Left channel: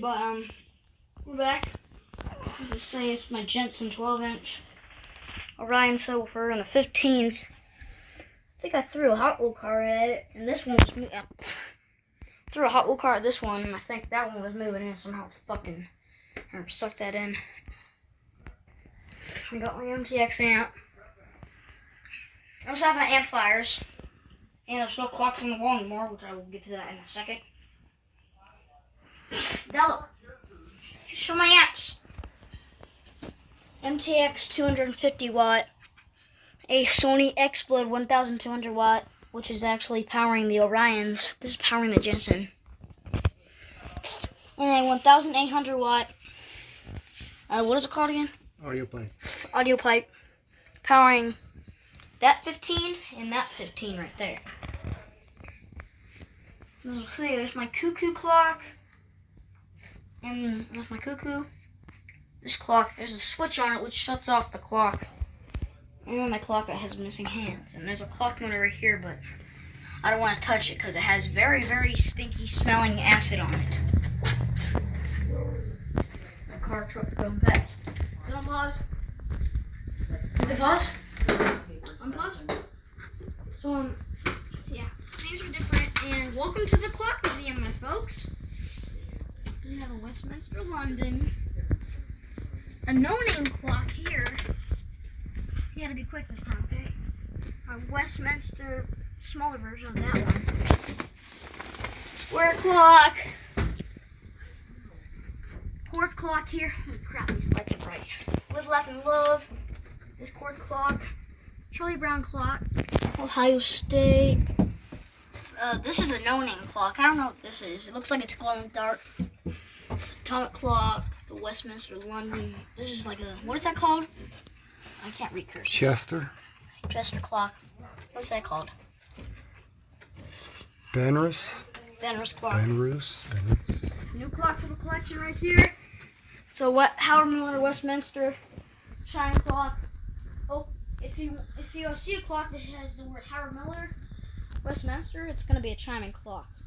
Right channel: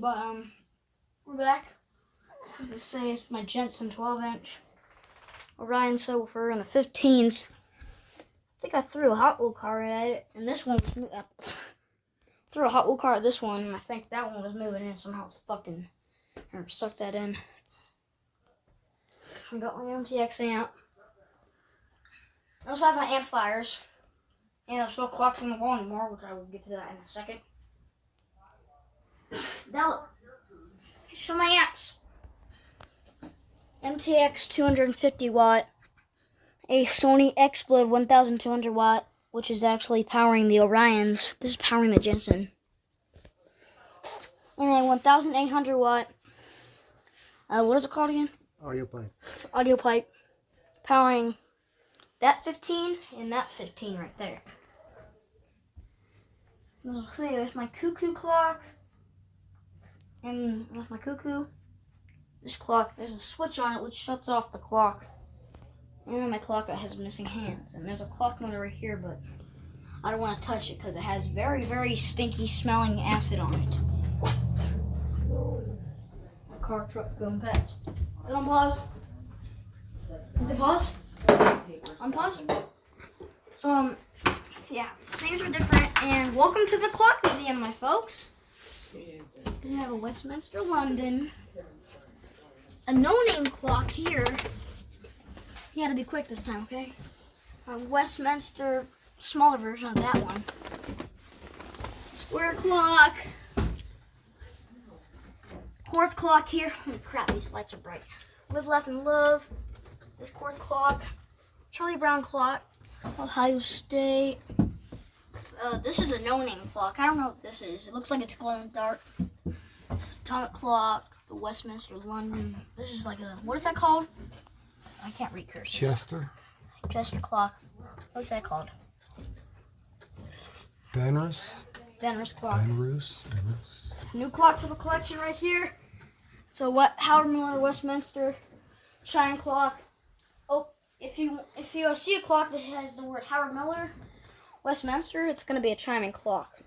delayed, but we're back. Let's say it's my Jensen 12-inch Orion subwoofer and the 15s. I think I threw a Hot Wheel car at it, and this one was threw a Hot Wheel car at this one, and I think that one was moving in somehow. It's fucking suck that in. I got my MTX amp. I also have my amplifiers, and there's no clocks on the wall anymore, which I will get to that in a second. Now, show my amps. MTX 250 watt, a Sony XSplit 1200 watt, which is actually powering the Orions. This is powering the Jensen. And a 1800 watt, what is it called again? Audio pipe. Audio pipe, powering that 15 and that 15 right there. There's my cuckoo clock. And that's my cuckoo. This clock, there's a switch on it which shuts off the clock. And then my clock that has missing hands. And there's a clock motor right here, but I don't want to touch it because it has very, very stinky smelling acid on it. My car truck's going back. Is it on pause? Is it pause? On pause? So, yeah, things are different. And welcome to the Clock Museum, my folks. We have a Westminster, London. A no-name clock here. You gotta be quick this time, okay? A Westminster, smaller version of that one. Square clock. Quartz clock here. Holy crap, these lights are bright. Live, laugh, and love. This quartz clock. Charlie Brown clock. Ohio State. This is a no-name clock. I don't know what this is. It looks like it's glowing dark. Atomic clock. The Westminster, London. This is like a, what is that called? I can't read cursive. Chester. Chester clock. What's that called? Benrus. Benrus clock. Benrus. New clock to the collection right here. So what? Howard Miller Westminster chime clock. Oh, if you see a clock that has the word Howard Miller Westminster, it's gonna be a chiming clock.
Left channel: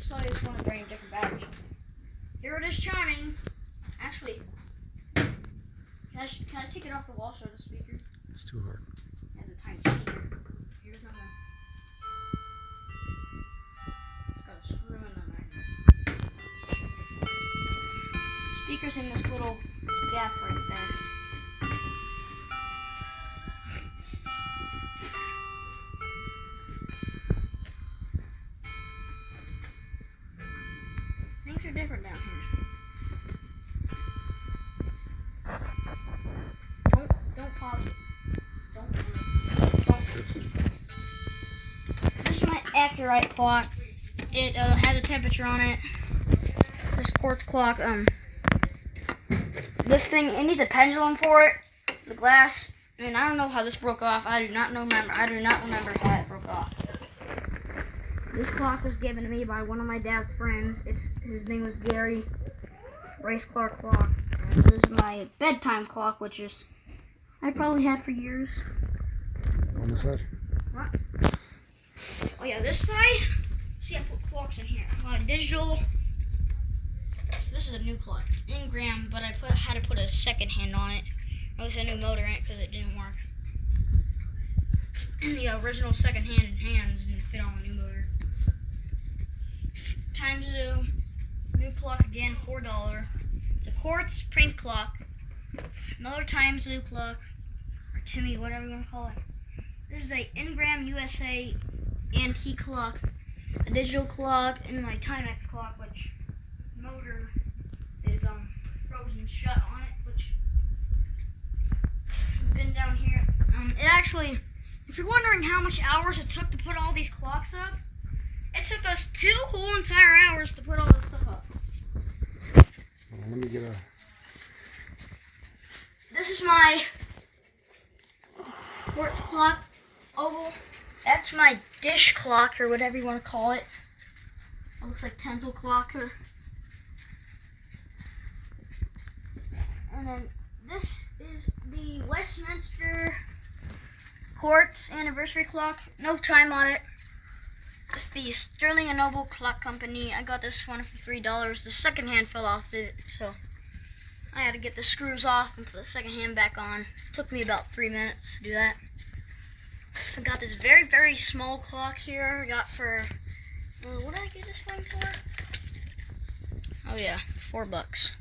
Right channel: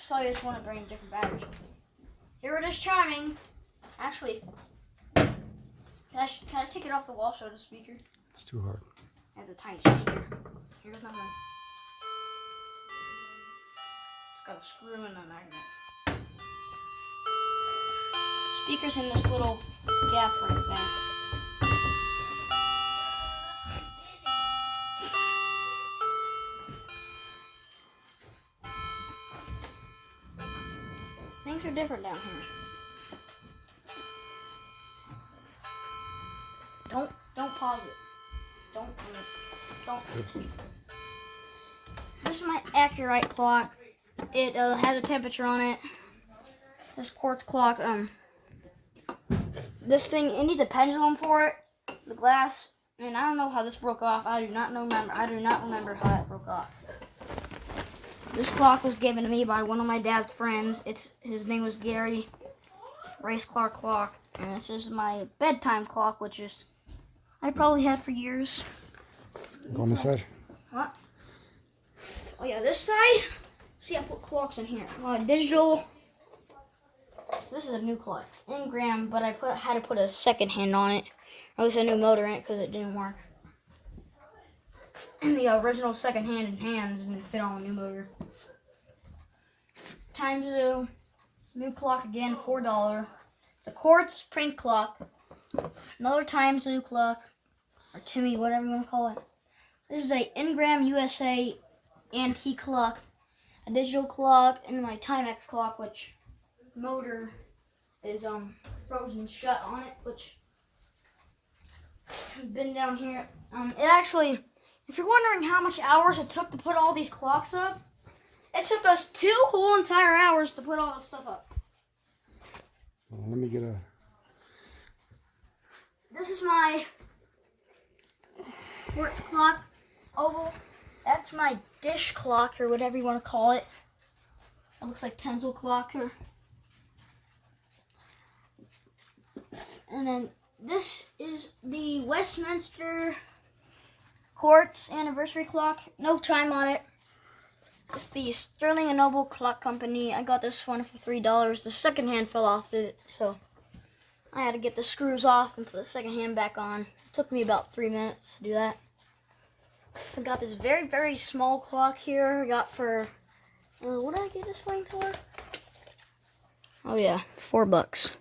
So I just want to bring different batteries. Here it is chiming. Actually, can I take it off the wall? Show the speaker. It's too hard. It has a tiny speaker. Here's nothing. It's got a screw and a magnet. Speaker's in this little gap right there. Things are different down here. Don't pause it. Don't. This is my Accurite clock. It has a temperature on it. This quartz clock. This thing, it needs a pendulum for it. The glass. And I don't know how this broke off. I do not remember how it broke off. This clock was given to me by one of my dad's friends. His name was Gary. Race Clark clock. And this is my bedtime clock, which is I probably had for years. On the side. What? Oh yeah, this side. See, I put clocks in here. Digital. This is a new clock, Ingram, but I had to put a second hand on it. At least a new motor in it because it didn't work. And the original second hand in hands didn't fit on the new motor. Time Zoo, new clock again, $4. It's a quartz print clock. Another Time Zoo clock, or Timmy, whatever you want to call it. This is a Ingram USA antique clock, a digital clock, and my Timex clock, which motor is frozen shut on it, which has been down here. It actually, if you're wondering how much hours it took to put all these clocks up, it took us 2 whole entire hours to put all this stuff up. Let me get a... This is my quartz clock, oval. That's my dish clock, or whatever you want to call it. It looks like Tenzel clock. And then this is the Westminster quartz anniversary clock. No chime on it. It's the Sterling & Noble Clock Company. I got this one for $3. The second hand fell off it, so I had to get the screws off and put the second hand back on. It took me about 3 minutes to do that. I got this very, very small clock here. I got for, what did I get this thing for? Oh yeah, $4.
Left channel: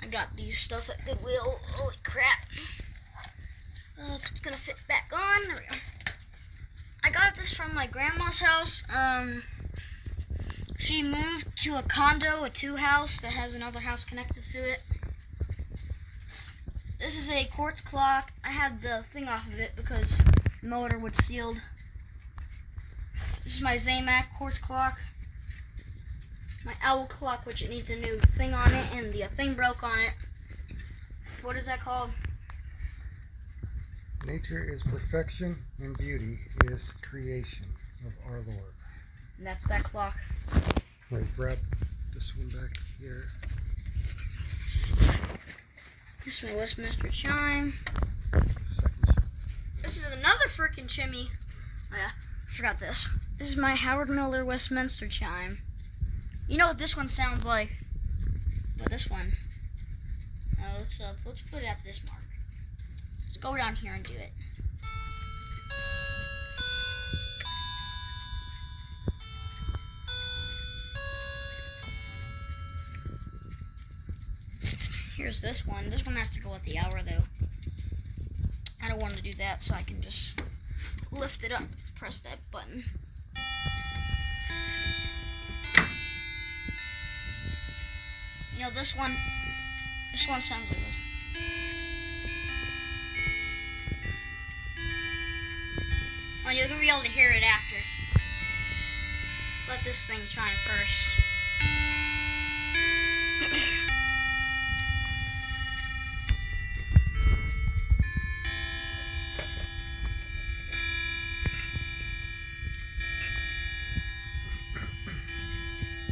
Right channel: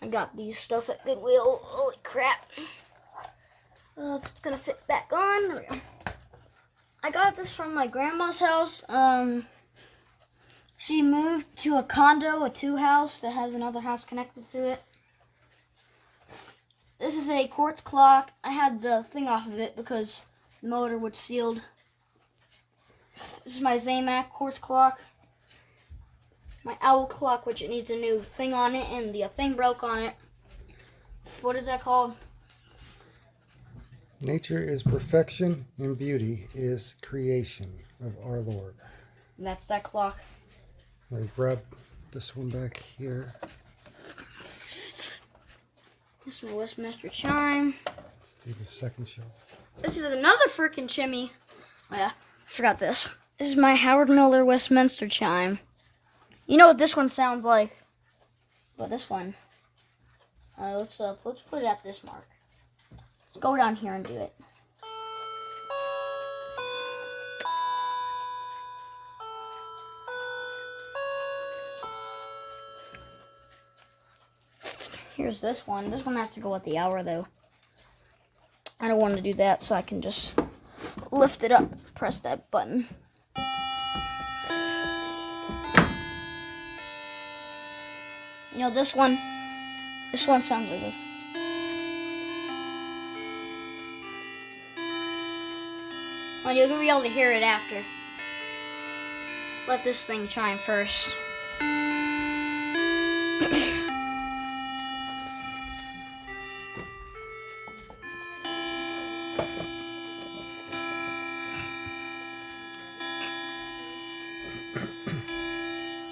I got these stuff at Goodwill. Holy crap. If it's gonna fit back on, there we go. I got this from my grandma's house. She moved to a condo, a 2-house that has another house connected to it. This is a quartz clock. I had the thing off of it because the motor was sealed. This is my Zamac quartz clock. My owl clock, which it needs a new thing on it, and the thing broke on it. What is that called? Nature is perfection and beauty is creation of our Lord. And that's that clock. I grab this one back here. This is my Westminster chime. Let's do the second shelf. This is another freaking chimney. Oh yeah, I forgot this. This is my Howard Miller Westminster chime. You know what this one sounds like? But this one. Let's put it at this mark. Let's go down here and do it. Here's this one. This one has to go at the hour though. I don't want to do that, so I can just lift it up, press that button. You know, this one sounds like this. Well, you're gonna be able to hear it after. Let this thing chime first.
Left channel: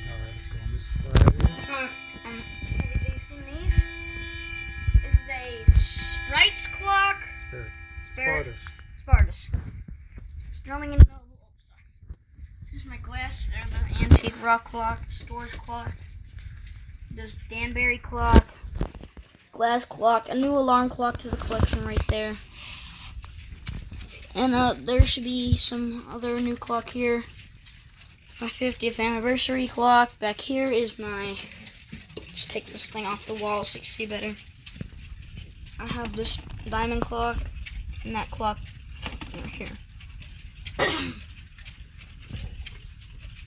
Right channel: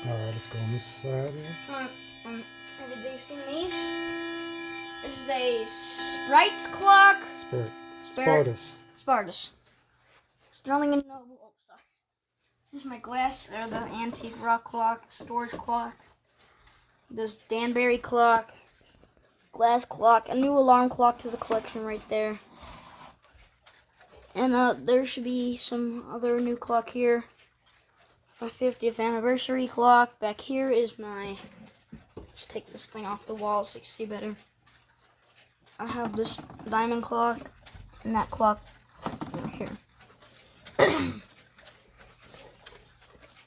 Alright, let's go on this side here. Have you seen these? This is a Sprite's clock. Spartus. Sterling & Noble. Oh, sorry. This is my glass. They're the antique rock clock, storage clock. This Danbury clock, glass clock, a new alarm clock to the collection right there. And there should be some other new clock here. My 50th anniversary clock. Back here is my, let's take this thing off the wall so you can see better. I have this diamond clock and that clock right here.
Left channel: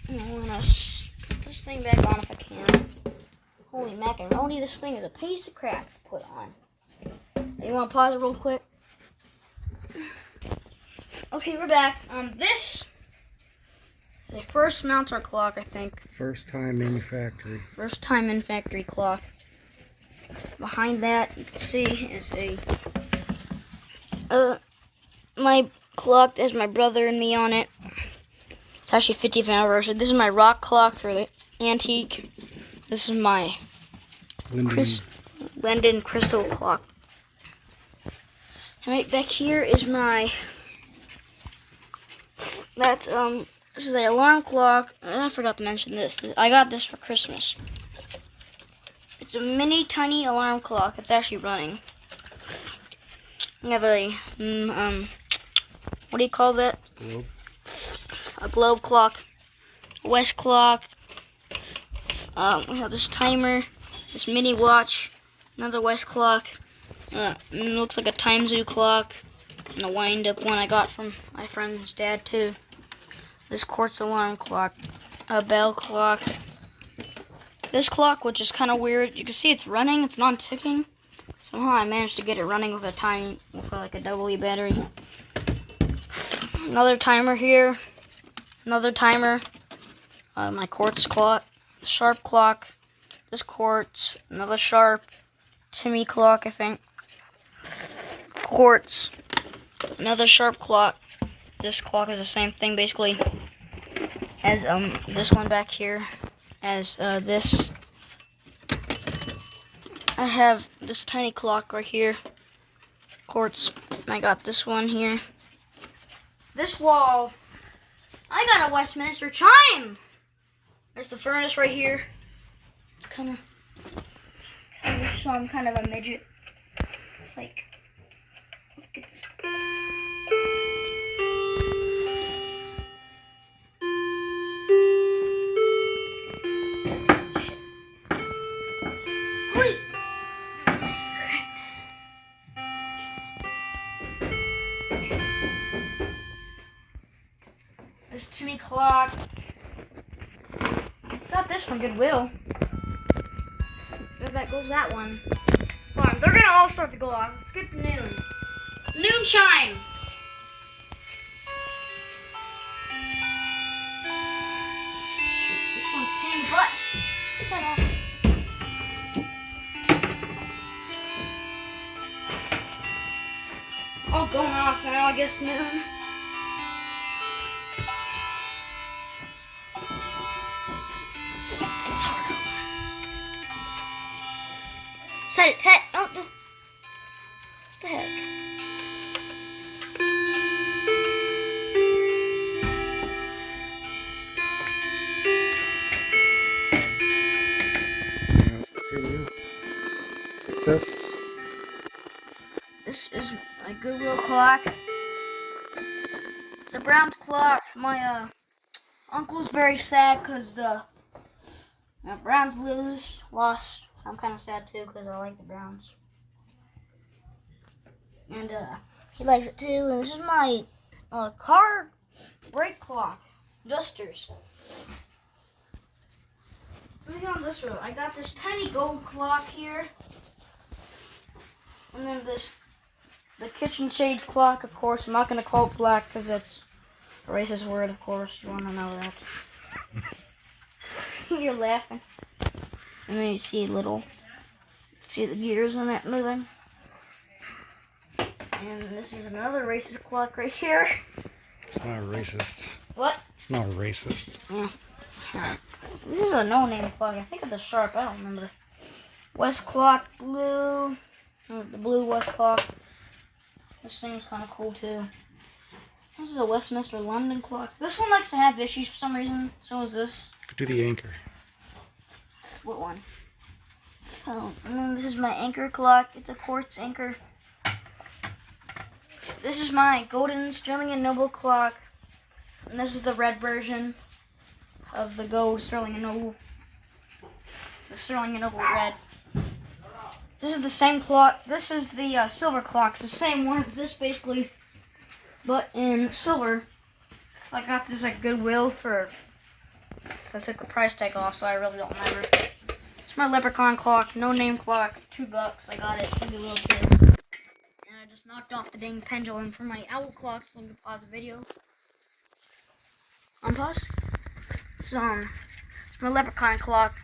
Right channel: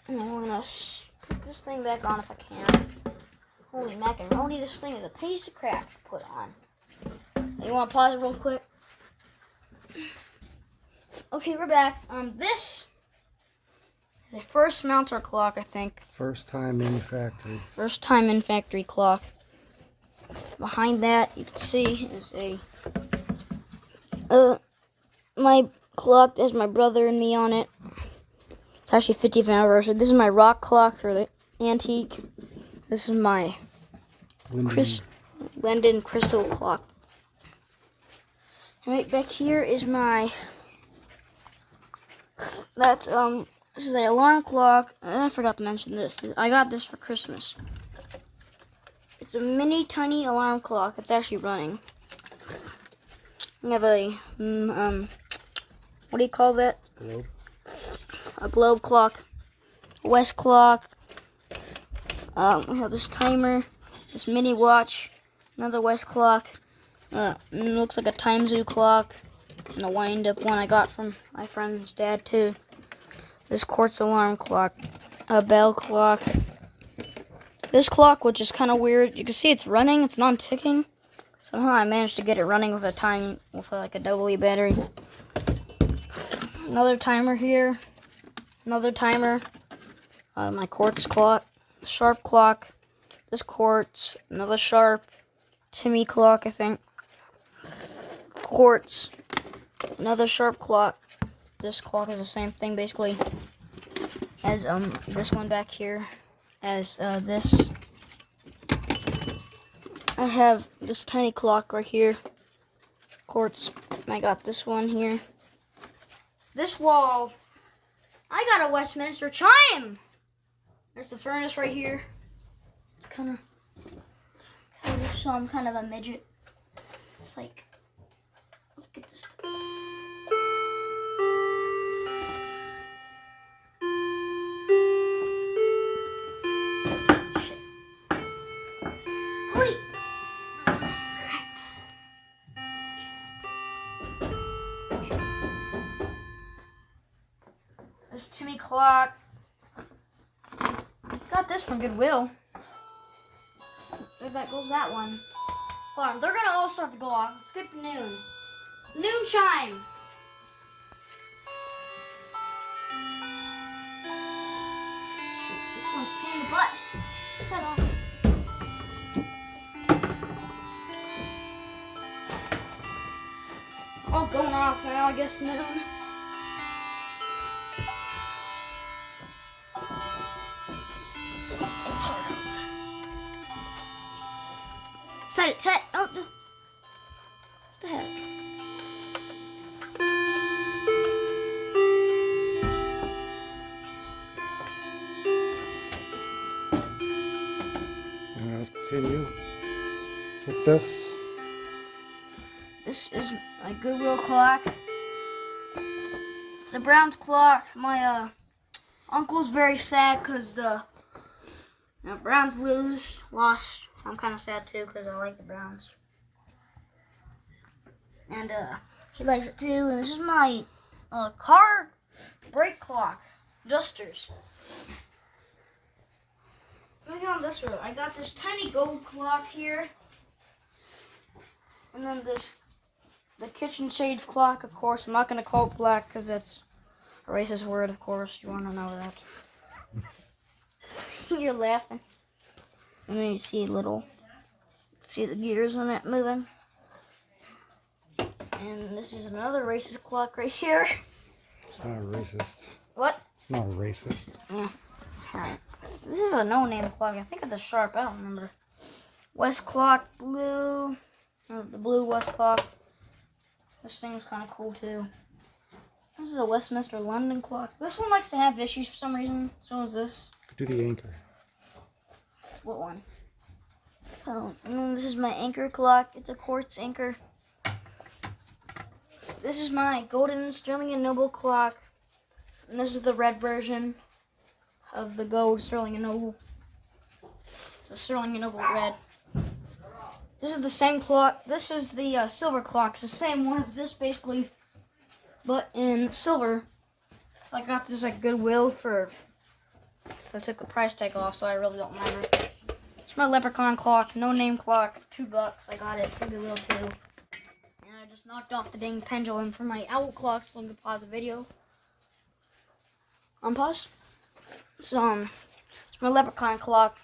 And I want to put this thing back on if I can. Holy macaroni, this thing is a piece of crap to put on. You want to pause it real quick? Okay, we're back. This is a first mounter clock, I think. First time in factory. First time in factory clock. Behind that, you can see is my clock. There's my brother and me on it. It's actually 50th anniversary. This is my rock clock, or the antique. This is my London crystal clock. Right back here is my, this is an alarm clock. And I forgot to mention this. I got this for Christmas. It's a mini tiny alarm clock. It's actually running. We have a, what do you call that? Globe. A globe clock, a west clock. We have this timer, this mini watch, another west clock. It looks like a time zoo clock, and a wind-up one I got from my friend's dad too. This quartz alarm clock, a bell clock. This clock, which is kind of weird, you can see it's running, it's not ticking. Somehow I managed to get it running with like a AA battery. Another timer here. Another timer. My quartz clock. Sharp clock. This quartz. Another sharp. Timmy clock, I think. Quartz. Another sharp clock. This clock is the same thing basically as this one back here. As this. I have this tiny clock right here. Quartz. And I got this one here. This wall I got a Westminster chime. There's the furnace right here. It's kind of so I'm kind of a midget. It's like, let's get this. Holy. This chimney clock. Got this from Goodwill. Where that goes that one. Hold on, they're gonna all start to go off. Let's get the noon. Noon chime. This one's a pain in the butt. Shut off. All going off now, I guess noon. It's hard. Set it, Ted. Oh, what the heck? Let's continue with this. This is my Goodwill clock. It's a Browns clock. My uncle's very sad because the Browns lost. I'm kind of sad too because I like the Browns. And he likes it too. And this is my car brake clock. Dusters. Moving on this road. I got this tiny gold clock here. And then the kitchen shades clock, of course. I'm not going to call it black because it's a racist word, of course. You want to know that. You're laughing. And then you see the gears on it moving. And this is another racist clock right here. It's not racist. What? It's not racist. Yeah. This is a no-name clock. I think it's a Sharp. I don't remember. West clock, blue. The blue West clock. This thing's kind of cool too. This is a Westminster London clock. This one likes to have issues for some reason. So is this. Do the anchor. What one? Oh, and then this is my anchor clock. It's a quartz anchor. This is my golden Sterling and Noble clock. And this is the red version of the gold Sterling and Noble. It's a Sterling and Noble red. This is the same clock. This is the silver clock. It's the same one as this basically, but in silver. I got this at Goodwill I took the price tag off, so I really don't remember. It's my leprechaun clock, no name clock, $2. I got it from Goodwill too. And I just knocked off the dang pendulum for my owl clock, so I can pause the video. Unpause. So it's my leprechaun clock.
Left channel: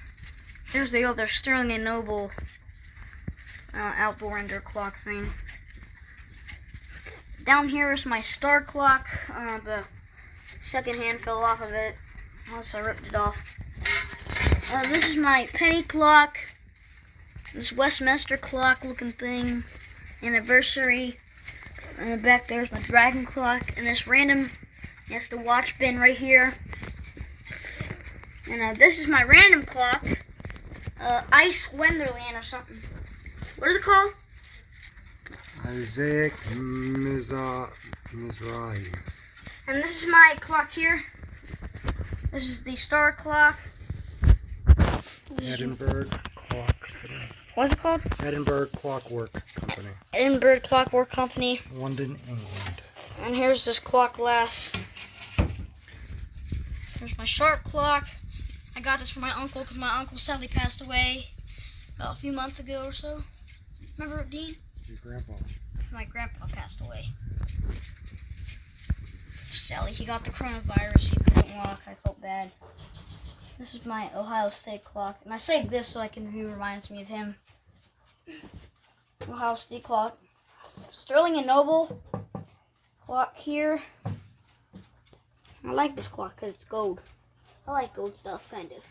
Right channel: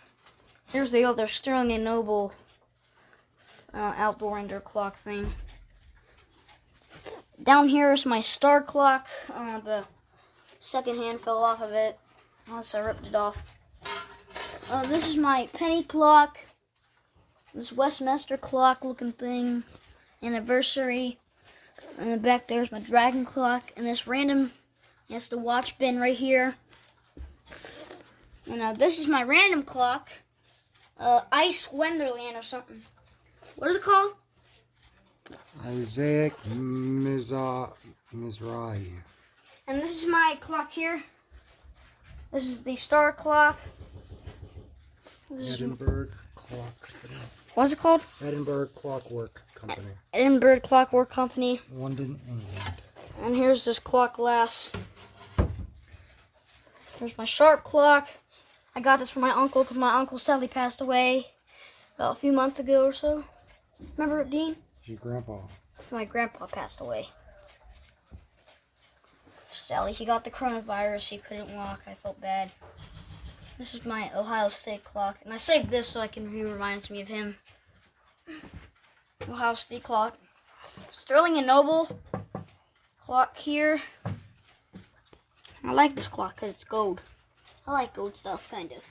Here's the other Sterling and Noble outdoor indoor clock thing. Down here is my star clock. The second hand fell off of it. Also, I ripped it off. This is my penny clock. This Westminster clock looking thing. Anniversary. And back there's my dragon clock. And this random, that's the watch bin right here. And this is my random clock. Ice Wonderland or something. What is it called? Isaac Mizrahi. And this is my clock here. This is the star clock. Edinburgh Clock Company. What is it called? Edinburgh Clockwork Company. Edinburgh Clockwork Company. London, England. And here's this clock glass. Here's my sharp clock. I got this from my uncle because my uncle sadly passed away about a few months ago or so. Remember it, Dean? Your grandpa. My grandpa passed away. Sadly, he got the coronavirus. He couldn't walk. I felt bad. This is my Ohio State clock. And I saved this so I can review. Reminds me of him. Ohio State clock. Sterling and Noble clock here. I like this clock because it's gold. I like gold stuff, kind of.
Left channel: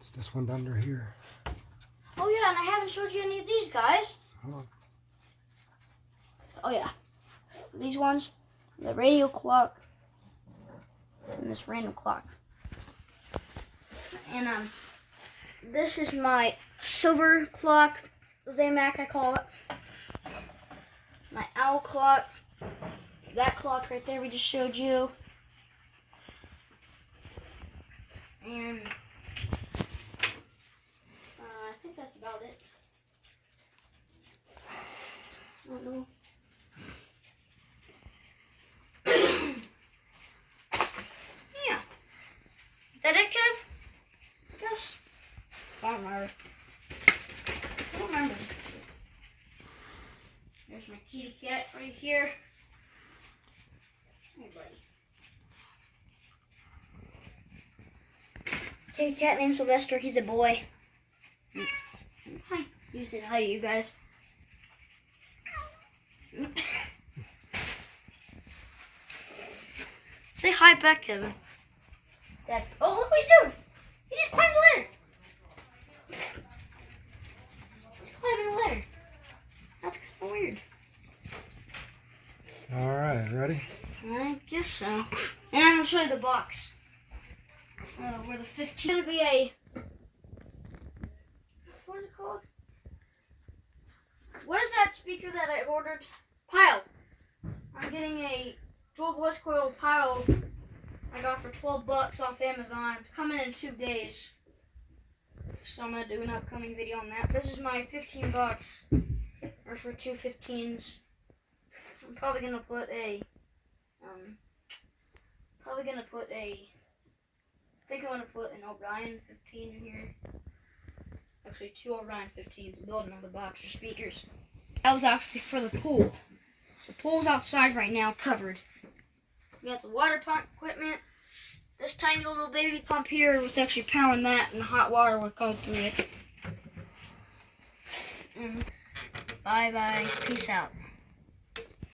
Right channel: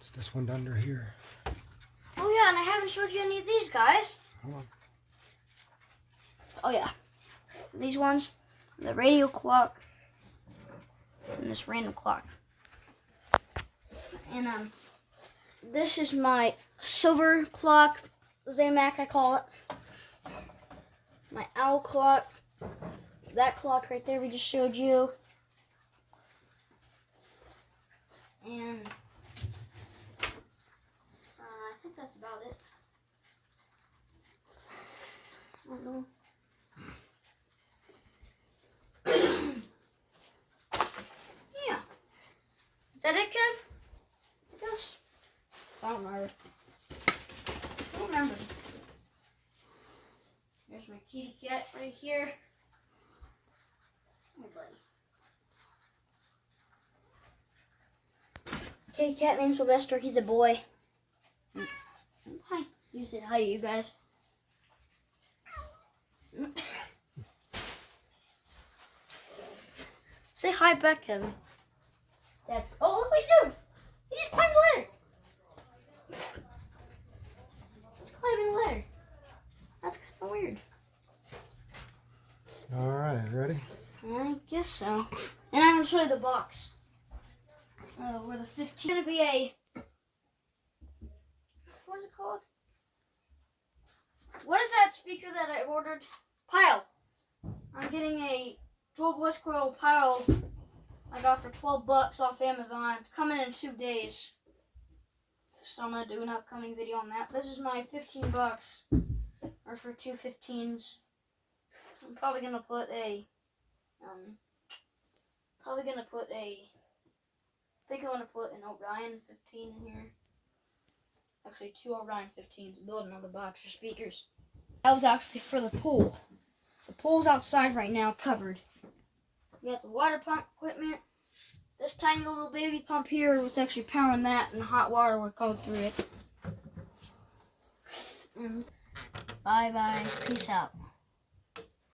It's this one under here. Oh yeah, and I haven't showed you any of these guys. Hold on. Oh yeah. These ones. the radio clock, and this random clock. And this is my silver clock, Zamac I call it. My owl clock, that clock right there we just showed you. And I think that's about it. I don't know. Yeah. Is that it, Kev? I guess. I don't remember. I don't remember. There's my kitty cat right here. Hey, buddy. Kitty cat named Sylvester. He's a boy. Hi. You said hi to you guys. Say hi back, Kevin. That's. Oh, look what he's doing. He just climbed the ladder. He's climbing the ladder. That's kind of weird. All right, ready? I guess so. And I'm going to show you the box. Where the 15 going to be a... What is it called? What is that speaker that I ordered? Pile. I'm getting a 12 West Coil Pile I got for $12 off Amazon. It's coming in 2 days. So I'm going to do an upcoming video on that. This is my $15. Or for 2 15s. I'm probably going to put a... I think I'm going to put an Orion 15 in here. Actually, 2 Orion 15s. Build another box for speakers. That was actually for the pool. The pool's outside right now, covered. We got the water pump equipment. This tiny little baby pump here was actually powering that, and hot water would go through it. Bye-bye. Peace out.